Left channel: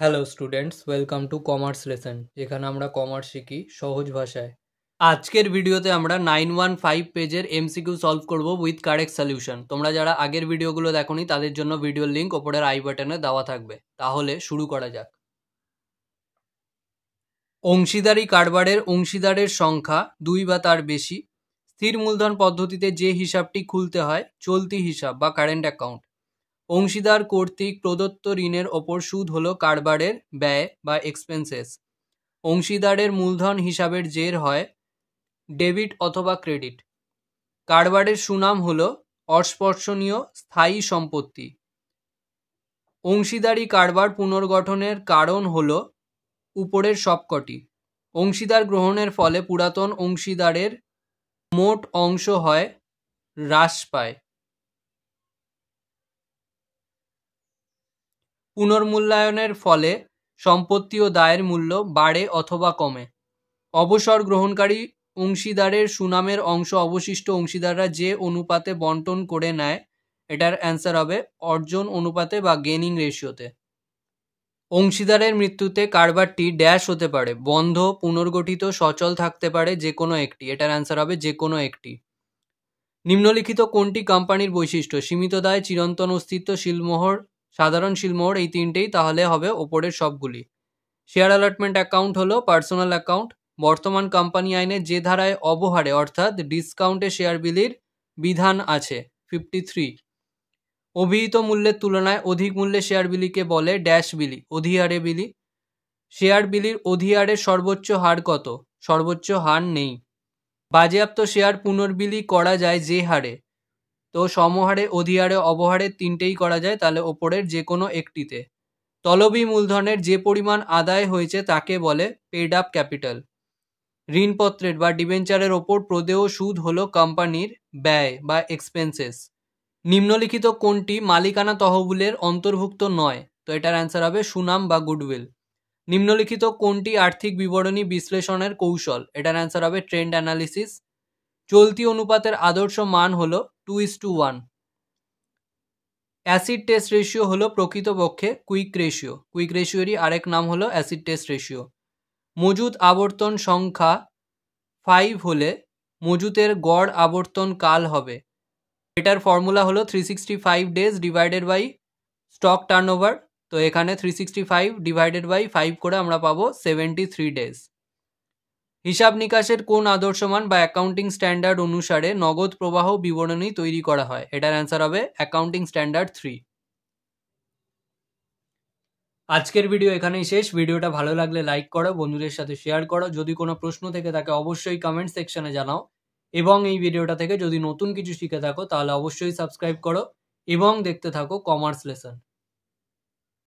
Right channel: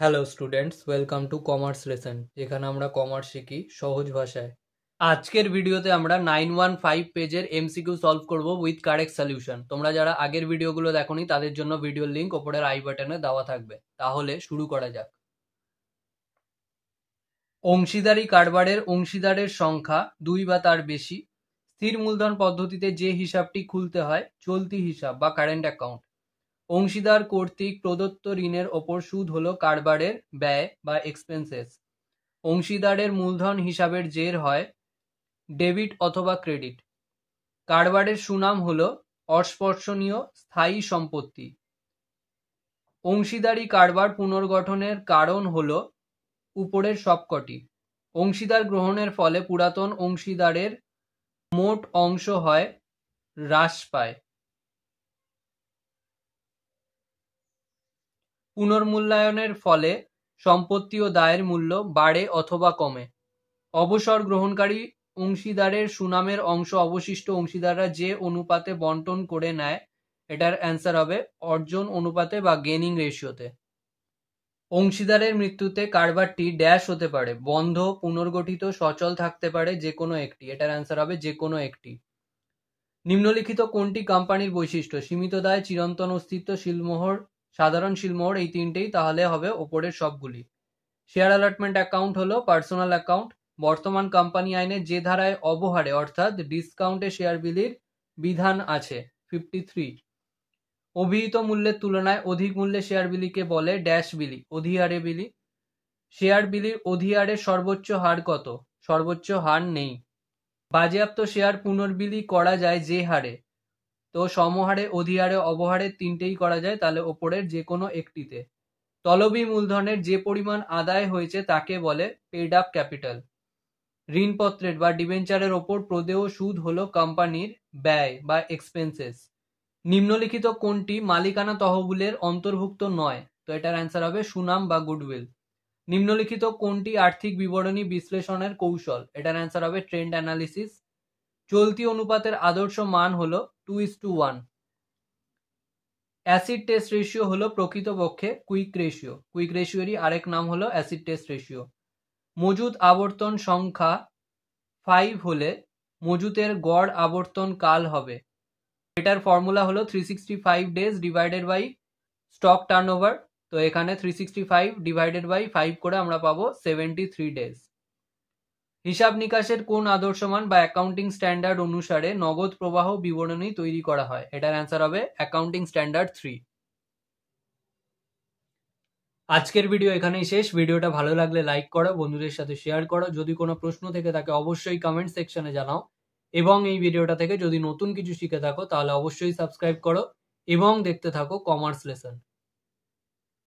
Hello students, welcome to commerce lesson, যেখানে আমরা commerce শিখি সহজ ভাষায়। আজকের ভিডিওতে আমরা 915 পেজের এমসিকিউ সলভ করব উইথ কারেক্ট সলিউশন। তোমরা যারা আগের ভিডিওগুলো দেখোনি তাদের জন্য ভিডিওর লিঙ্ক ওপরের আই বাটনে দেওয়া থাকবে। তাহলে শুরু করা যাক। অংশীদারি কারবারের অংশীদারের সংখ্যা 2 বা তার বেশি। স্থির মূলধন পদ্ধতিতে যে হিসাবটি খুলতে হয় চলতি হিসাব বা কারেন্ট অ্যাকাউন্ট। অংশীদার কর্তৃক প্রদত্ত ঋণের ওপর সুদ হলো কারবারের ব্যয় বা এক্সপেন্সেস। অংশীদারের মূলধন হিসাবের জের হয় ডেবিট অথবা ক্রেডিট। কারবারের সুনাম হলো অস্পর্শনীয় স্থায়ী সম্পত্তি। অংশীদারি কারবার পুনর্গঠনের কারণ হলো উপরের সবকটি। অংশীদার গ্রহণের ফলে পুরাতন অংশীদারের মোট অংশ হয় হ্রাস পায়। পুনর্মূল্যায়নের ফলে সম্পত্তি ও দায়ের মূল্য বাড়ে অথবা কমে। অবসর গ্রহণকারী অংশীদারের সুনামের অংশ অবশিষ্ট অংশীদাররা যে অনুপাতে বন্টন করে নেয়, এটার অ্যান্সার হবে অর্জন অনুপাতে বা গেনিং রেশিওতে। অংশীদারের মৃত্যুতে কারবারটি ড্যাশ হতে পারে, বন্ধ, পুনর্গঠিত, সচল থাকতে পারে যে কোনো একটি। এটার অ্যান্সার হবে যে কোনো একটি। নিম্নলিখিত কোনটি কোম্পানির বৈশিষ্ট্য? সীমিত দায়, চিরন্তন অস্তিত্ব, শিলমোহর, সাধারণ শিলমোহর, এই তিনটেই তাহলে হবে ওপরের সবগুলি। শেয়ার অ্যালটমেন্ট অ্যাকাউন্ট হলো পার্সোনাল অ্যাকাউন্ট। বর্তমান কোম্পানি আইনে যে ধারায় অবহারে অর্থাৎ ডিসকাউন্টে শেয়ার বিলির বিধান আছে 53। অভিহিত মূল্যের তুলনায় অধিক মূল্যে শেয়ার বিলিকে বলে ড্যাশ বিলি, অধিহারে বিলি। শেয়ার বিলির অধিহারের সর্বোচ্চ হার কত? সর্বোচ্চ হার নেই। বাজেয়াপ্ত শেয়ার পুনর্বিলি করা যায় যে হারে, তো সমহারে, অধিহারে, অবহারে তিনটেই করা যায়, তাহলে ওপরের যে কোনো একটিতে। তলবি মূলধনের যে পরিমাণ আদায় হয়েছে তাকে বলে পেড আপ ক্যাপিটাল। ঋণপত্রের বা ডিবেঞ্চারের ওপর প্রদেয় সুদ হলো কোম্পানির ব্যয় বা এক্সপেন্সেস। নিম্নলিখিত কোনটি মালিকানা তহবিলের অন্তর্ভুক্ত নয়? তো এটার অ্যান্সার হবে সুনাম বা গুডউইল। নিম্নলিখিত কোনটি আর্থিক বিবরণী বিশ্লেষণের কৌশল? এটার অ্যান্সার হবে ট্রেন্ড অ্যানালিসিস। চলতি অনুপাতের আদর্শ মান হলো 2:1। অ্যাসিড টেস্ট রেশিও হলো প্রকৃতপক্ষে কুইক রেশিও। কুইক রেশিওরই আরেক নাম হলো অ্যাসিড টেস্ট রেশিও। মজুত আবর্তন সংখ্যা 5 হলে মজুতের গড় আবর্তন কাল হবে। এটার ফর্মুলা হলো 365 days divided by stock turnover. তো এখানে 365 ডিভাইডেড বাই 5 করে আমরা পাবো 73 ডেজ। হিসাব নিকাশের কোন আদর্শমান বা অ্যাকাউন্টিং স্ট্যান্ডার্ড অনুসারে নগদ প্রবাহ বিবরণী তৈরি করা হয়? এটার অ্যান্সার হবে অ্যাকাউন্টিং স্ট্যান্ডার্ড 3। আজকের ভিডিও এখানেই শেষ। ভিডিওটা ভালো লাগলে লাইক করো, বন্ধুদের সাথে শেয়ার করো। যদি কোনো প্রশ্ন থেকে থাকে অবশ্যই কমেন্ট সেকশনে জানাও, এবং এই ভিডিওটা থেকে যদি নতুন কিছু শিখে থাকো তাহলে অবশ্যই সাবস্ক্রাইব করো এবং দেখতে থাকো কমার্স লেসন।